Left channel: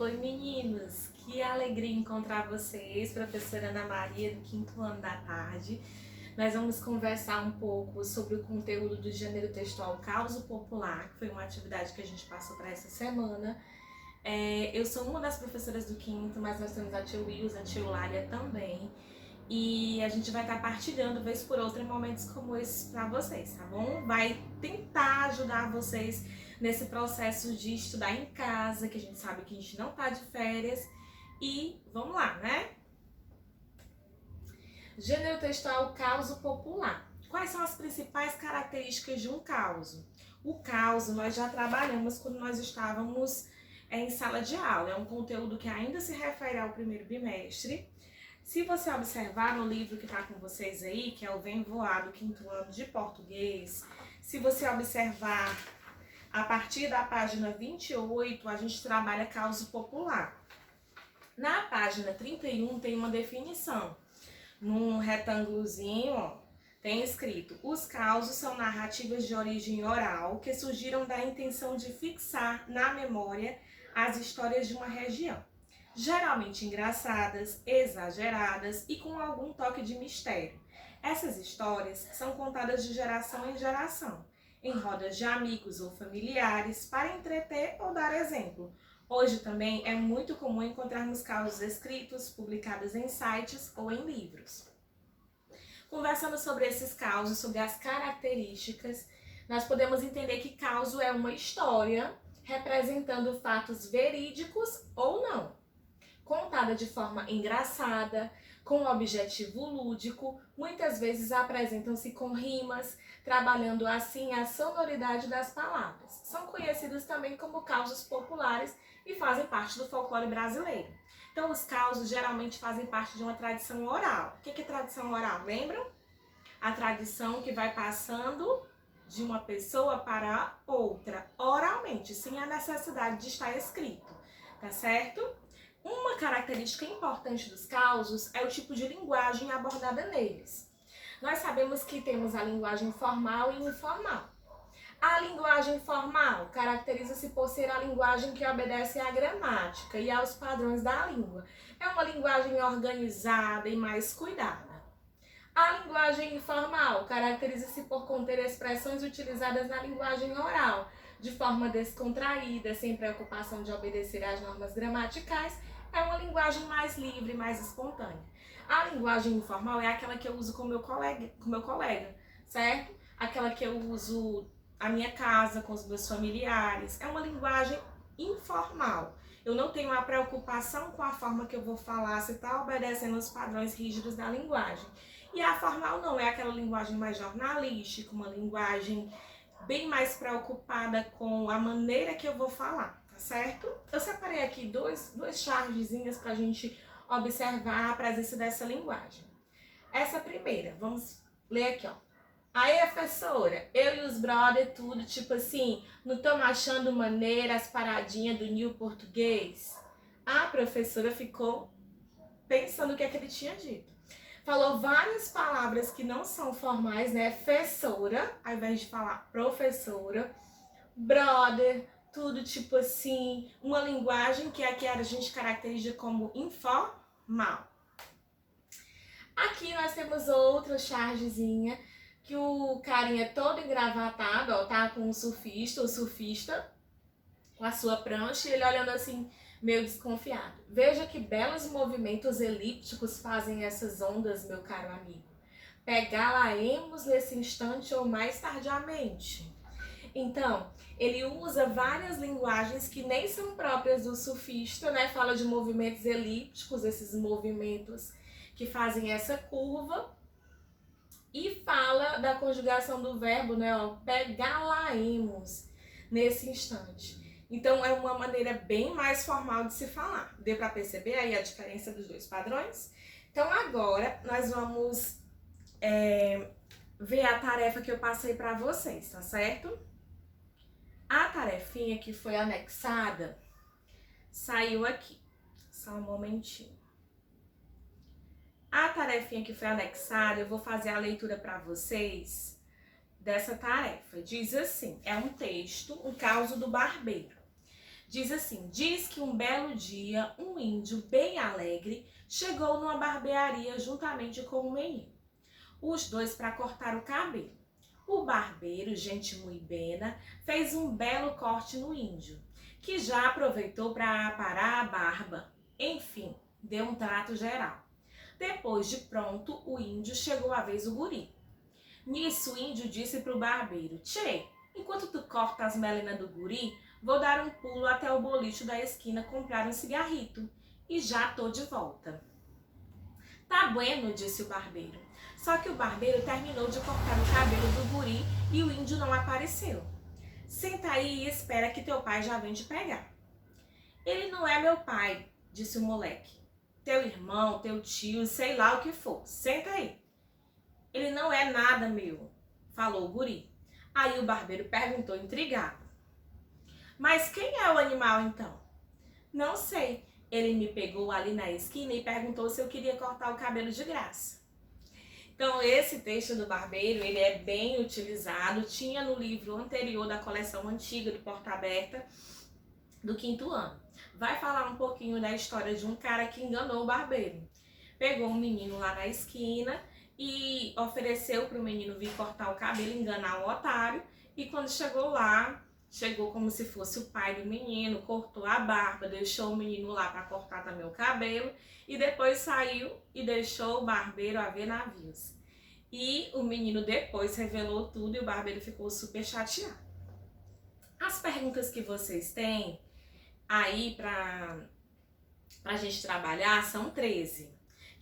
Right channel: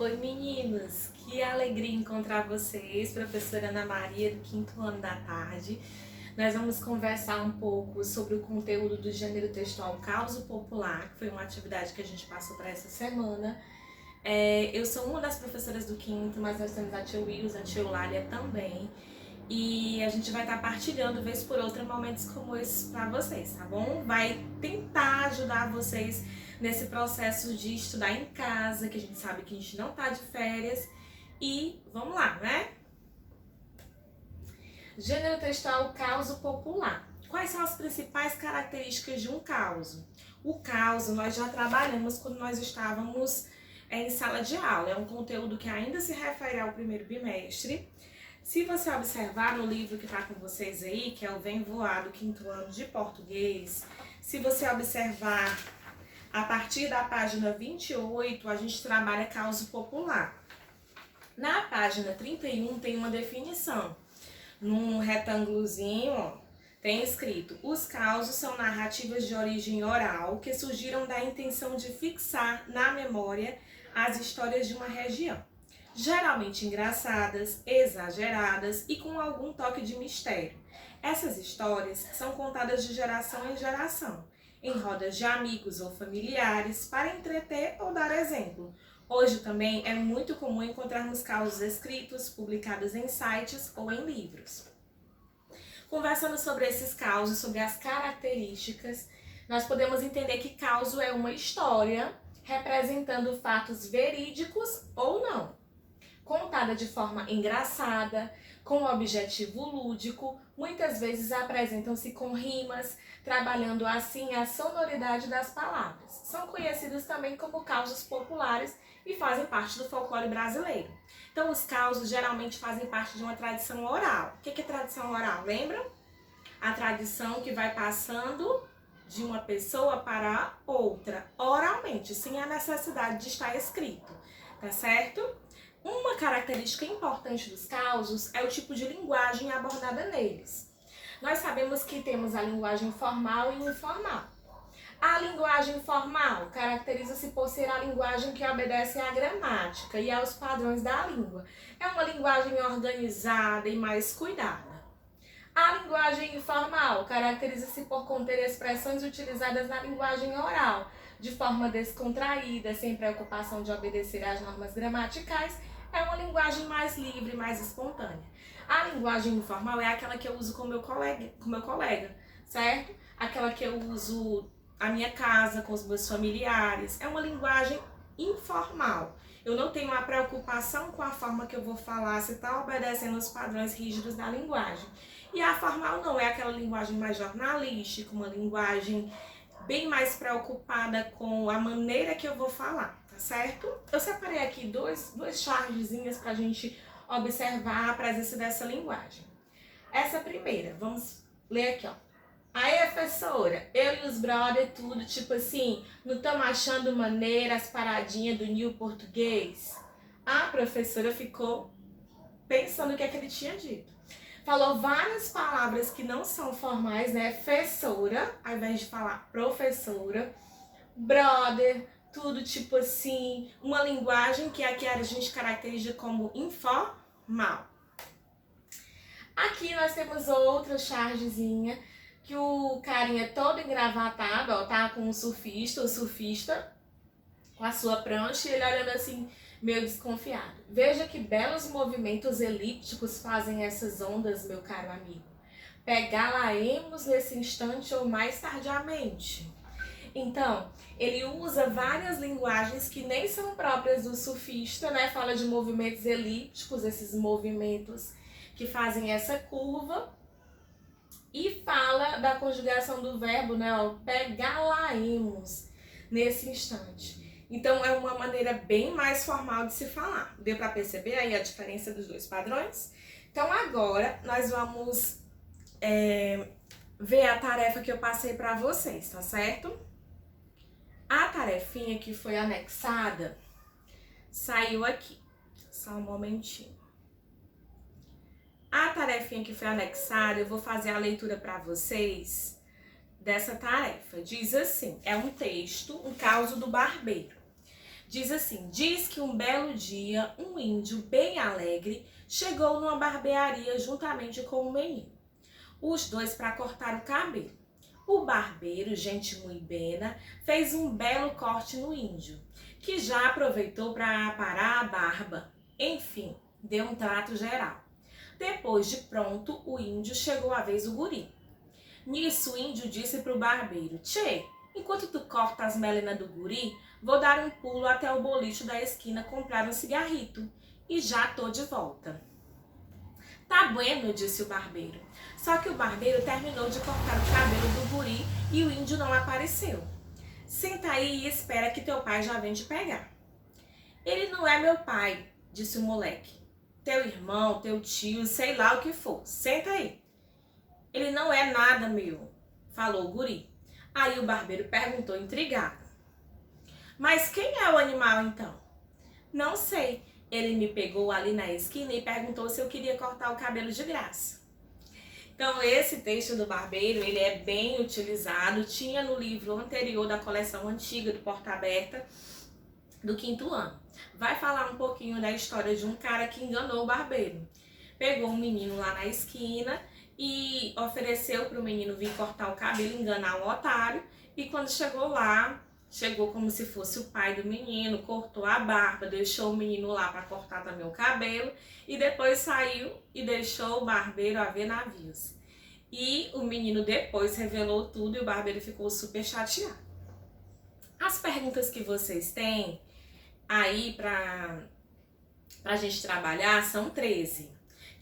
Oi meninos, que alegria encontrar vocês, professora Ana Maria do 5º ano da tarde. Nós vamos conversar um pouco sobre o conteúdo do gênero textual Causo Popular, que foi uma atividade que a gente passou para essa semana. Eu sou uma das professoras do 5º, mas nós temos a tia Wilson, a tia Eulália também. E a gente vai estar partilhando, vez por outra, momentos como esses para vocês, tá bom? Vai tentar ajudar vocês nesse processo de estudar em casa, que a gente sabe que a gente não tá de férias. E vamos lá, né? Gênero textual causo popular. Quais são as principais características de um causo? O causo nós já trabalhamos quando nós estávamos em sala de aula. É um conteúdo que ainda se refere ao primeiro bimestre. Se você observar no livro que está com vocês aí, que é o Vem Voar do 5º ano de português, se você observar a partir da página 28, a gente trabalha causo popular. Na página 31 tem uma definição. Num retângulozinho, ó, tem escrito: os causos são narrativas de origem oral que surgiram da intenção de fixar na memória as histórias de uma região. Geralmente engraçadas, exageradas e com algum toque de mistério. Essas histórias são contadas de geração em geração, em rodas de amigos ou familiares, para entreter ou dar exemplo. Hoje também é muito comum encontrarmos causos escritos, publicados em sites ou em livros. Conversando sobre esses causos, sobre as características, nós podemos entender que causo é uma história representando fatos verídicos ou não, contada de forma engraçada, com objetivo lúdico, muitas vezes apresentam-se com rimas, trabalhando assim a sonoridade das palavras. São conhecidos também como causos populares e fazem parte do folclore brasileiro. Então, os causos geralmente fazem parte de uma tradição oral. O que é tradição oral? Lembram? A tradição que vai passando de uma pessoa para outra, oralmente, sem a necessidade de estar escrito, tá certo? Uma característica importante dos causos é o tipo de linguagem abordada neles. Nós sabemos que temos a linguagem formal e informal. A linguagem formal caracteriza-se por ser a linguagem que obedece à gramática e aos padrões da língua. É uma linguagem organizada e mais cuidada. A linguagem informal caracteriza-se por conter expressões utilizadas na linguagem oral, de forma descontraída, sem preocupação de obedecer às normas gramaticais. É uma linguagem mais livre, mais espontânea. A linguagem informal é aquela que eu uso com meu colega, certo? Aquela que eu uso na minha casa, com os meus familiares. É uma linguagem informal. Eu não tenho a preocupação com a forma que eu vou falar, se está obedecendo os padrões rígidos da linguagem. E a formal não, é aquela linguagem mais jornalística, uma linguagem bem mais preocupada com a maneira que eu vou falar, tá certo? Eu separei aqui duas chargezinhas pra gente observar a presença dessa linguagem. Essa primeira, vamos ler aqui, ó. Aí, professora, eu e os brother, tudo tipo assim, não estamos achando maneira as paradinhas do new português? A professora ficou pensando o que é que ele tinha dito. Falou várias palavras que não são formais, né? Fessora, ao invés de falar professora, brother, tudo tipo assim, uma linguagem que aqui a gente caracteriza como informal. Aqui nós temos outra chargezinha, que o carinha todo engravatado, ó, tá com o surfista com a sua prancha, e ele olhando assim, meio desconfiado. Veja que belos movimentos elípticos fazem essas ondas, meu caro amigo. Pegá-la-emos nesse instante ou mais tardiamente. Então, ele usa várias linguagens que nem são próprias do surfista, né? Fala de movimentos elípticos, esses movimentos que fazem essa curva. E fala da conjugação do verbo, né? Pegá-la-emos nesse instante. Então, é uma maneira bem mais formal de se falar. Deu para perceber aí a diferença dos dois padrões? Então, agora, nós vamos ver a tarefa que eu passei para vocês, tá certo? A tarefinha que foi anexada saiu aqui. Só um momentinho. A tarefinha que foi anexada, eu vou fazer a leitura para vocês dessa tarefa. Diz assim, é um texto, um causo do barbeiro. Diz assim: diz que um belo dia um índio bem alegre chegou numa barbearia juntamente com um menino. Os dois para cortar o cabelo. O barbeiro, gente muito bena, fez um belo corte no índio, que já aproveitou para aparar a barba. Enfim, deu um trato geral. Depois de pronto, o índio chegou a vez do guri. Nisso, o índio disse pro barbeiro: tchê, enquanto tu corta as melenas do guri, vou dar um pulo até o boliche da esquina comprar um cigarrito. E já tô de volta. Tá bueno, disse o barbeiro. Só que o barbeiro terminou de cortar o cabelo do guri e o índio não apareceu. Senta aí e espera que teu pai já vem te pegar. Ele não é meu pai, disse o moleque. Teu irmão, teu tio, sei lá o que for. Senta aí. Ele não é nada meu, falou o guri. Aí o barbeiro perguntou intrigado. Mas quem é o animal então? Não sei. Ele me pegou ali na esquina e perguntou se eu queria cortar o cabelo de graça. Então esse texto do barbeiro, ele é bem utilizado. Tinha no livro anterior da coleção antiga do Porta Aberta, do 5º ano. Vai falar um pouquinho da história de um cara que enganou o barbeiro. Pegou um menino lá na esquina e ofereceu para o menino vir cortar o cabelo, enganar o otário. E quando chegou lá, chegou como se fosse o pai do menino, cortou a barba, deixou o menino lá para cortar também o cabelo. E depois saiu e deixou o barbeiro a ver navios. E o menino depois revelou tudo e o barbeiro ficou super chateado. As perguntas que vocês têm aí pra gente trabalhar são 13,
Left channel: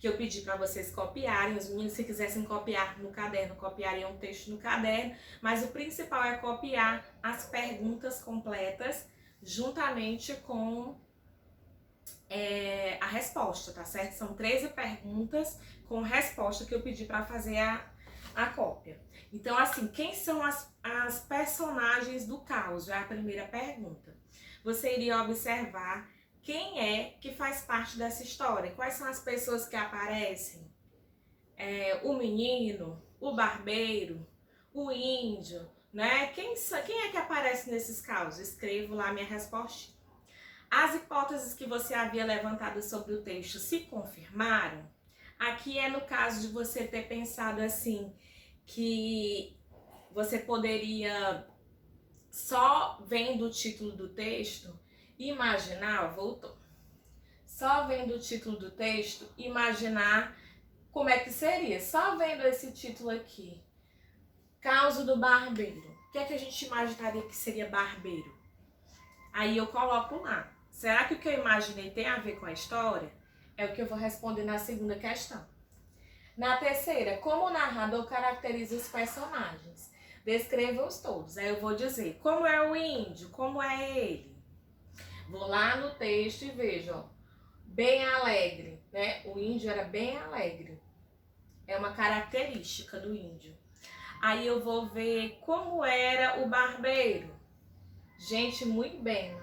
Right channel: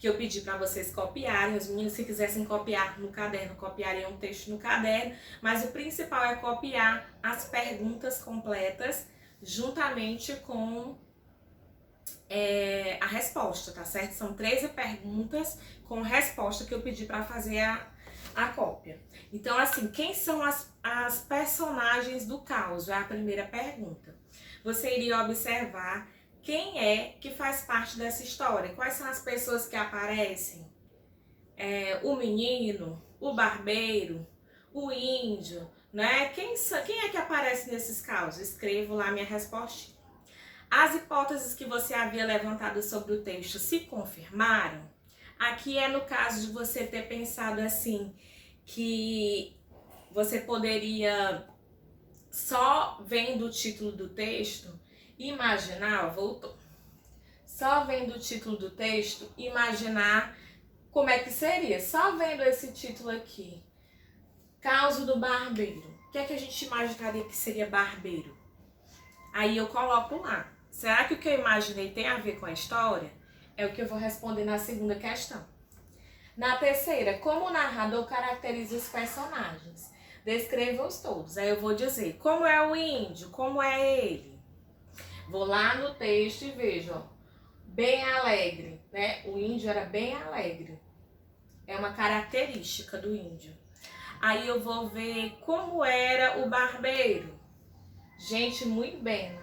que eu pedi para vocês copiarem. Os meninos, se quisessem copiar no caderno, copiariam o texto no caderno, mas o principal é copiar as perguntas completas juntamente com a resposta, tá certo? São 13 perguntas com resposta que eu pedi para fazer a cópia. Então, assim, quem são as personagens do caos? É a primeira pergunta. Você iria observar quem é que faz parte dessa história. Quais são as pessoas que aparecem? O menino, o barbeiro, o índio, né? Quem é que aparece nesses casos? Escrevo lá minha resposta. As hipóteses que você havia levantado sobre o texto se confirmaram? Aqui é no caso de você ter pensado assim, que você poderia, só vendo o título do texto, imaginar, só vendo o título do texto, imaginar como é que seria. Só vendo esse título aqui, Caos do Barbeiro. O que é que a gente imaginaria que seria barbeiro? Aí eu coloco lá. Será que o que eu imaginei tem a ver com a história? É o que eu vou responder na segunda questão. Na terceira, como o narrador caracteriza os personagens? Descreva-os todos. Aí eu vou dizer, como é o índio? Como é ele? Vou lá no texto e vejo, ó, bem alegre, né? O índio era bem alegre. É uma característica do índio. Aí eu vou ver como era o barbeiro. Gente muito bem,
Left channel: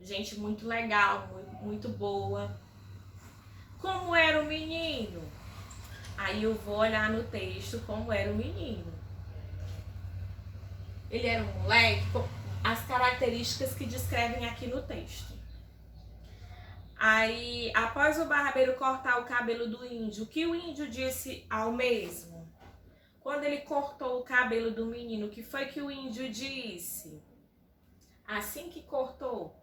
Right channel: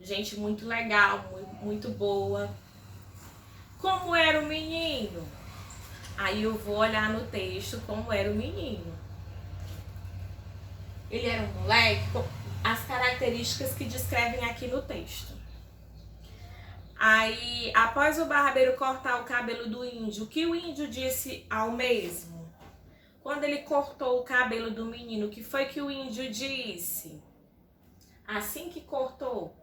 gente muito legal, muito boa. Como era o menino? Aí eu vou olhar no texto como era o menino. Ele era um moleque, as características que descrevem aqui no texto. Aí, após o barbeiro cortar o cabelo do índio, o que o índio disse ao mesmo? Quando ele cortou o cabelo do menino, o que foi que o índio disse? Assim que cortou.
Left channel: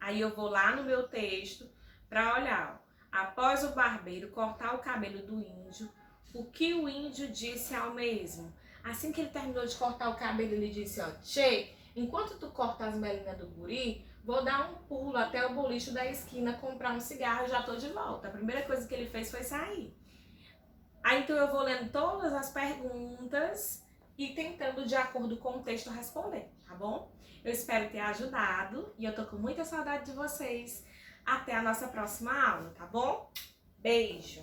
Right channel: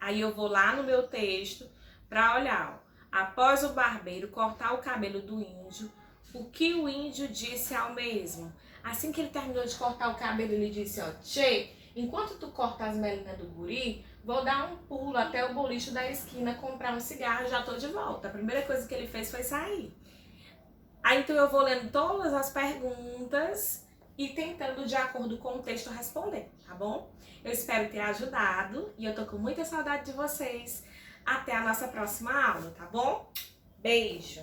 Aí eu vou lá no meu texto para olhar, ó. Após o barbeiro cortar o cabelo do índio, o que o índio disse ao mesmo? Assim que ele terminou de cortar o cabelo, ele disse, ó, tchê, enquanto tu corta as melinas do guri, vou dar um pulo até o boliche da esquina, comprar um cigarro e já tô de volta. A primeira coisa que ele fez foi sair. Aí então eu vou lendo todas as perguntas e tentando, de acordo com o texto, responder, tá bom? Eu espero ter ajudado e eu tô com muita saudade de vocês. Até a nossa próxima aula, tá bom? Beijo!